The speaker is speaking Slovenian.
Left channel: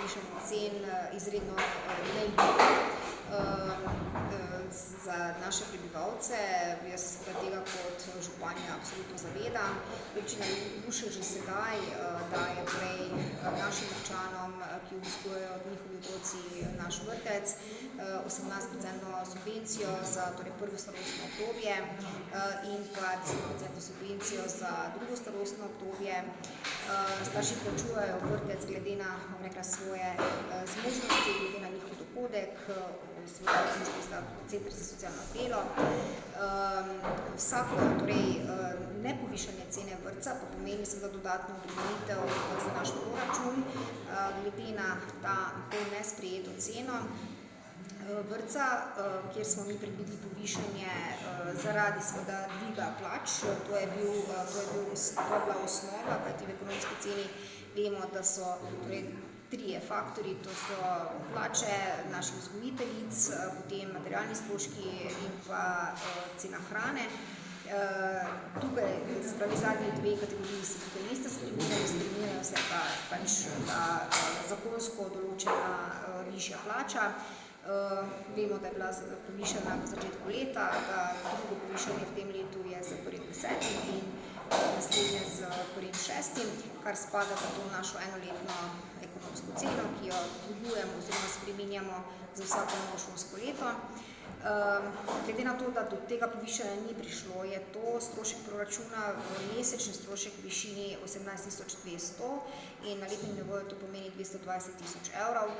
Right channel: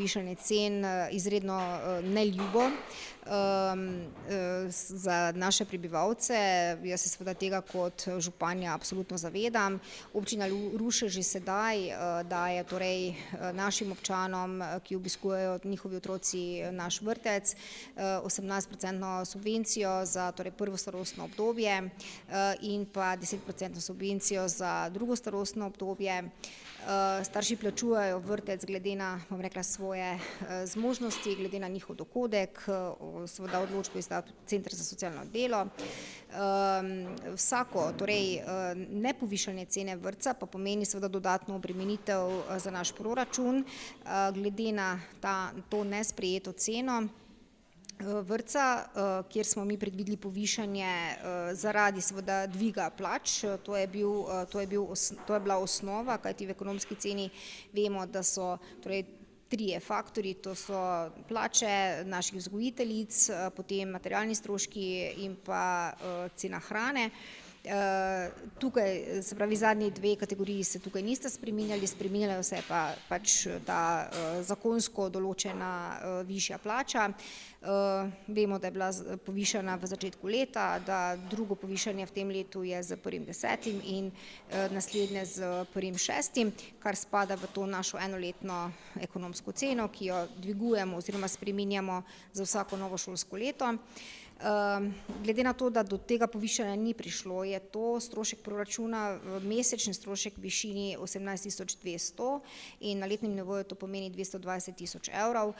povišanje cen izredno neljubo za naše prebivalce. Jaz se seveda tega kot županja absolutno zavedam. Občina Ruše že sedaj daje torej našim občanom, ki obiskujejo njihovi otroci naš vrtec, 18% subvencijo za torej prvo starostno obdobje in pa 10% subvencijo za drugo starostno obdobje. Starši plačujejo vrtec glede na, bom rekla, svoje zmožnosti, glede na njihov dohodek, seveda odločbe izda Center za socialno delo. Vsako torej nepovišanje cene vrtca pa pomeni seveda dodatno obremenitev za naš proračun, glede na to nesprejeto ceno vrtca, kjer smo mi predvideli povišanje zaradi seveda dviga plač. To je bila osnova, kajti v ekonomski ceni vemo, da so torej trije faktorji, to so plače naših vzgojiteljic, potem materialni stroški in pa cena hrane. Tukaj, se pravi, zadnji dve kategoriji se tukaj niste spreminjali, spreminjala se je pa pač ta zakonsko določena višja plača. Vemo, da je bila povišana v začetku leta, da drugo povišanje v tem letu je s 1.10. In naslednje s 1.6., kar spada v to našo enoletno ekonomsko ceno, ki jo dvigujemo oziroma spreminjamo za vsako novo šolsko leto. Glede na to, da do tega povišanja ni prišlo, je to strošek proračuna, mesečni strošek v višini 18.200 in na letnem nivoju to pomeni 220.000 evrov.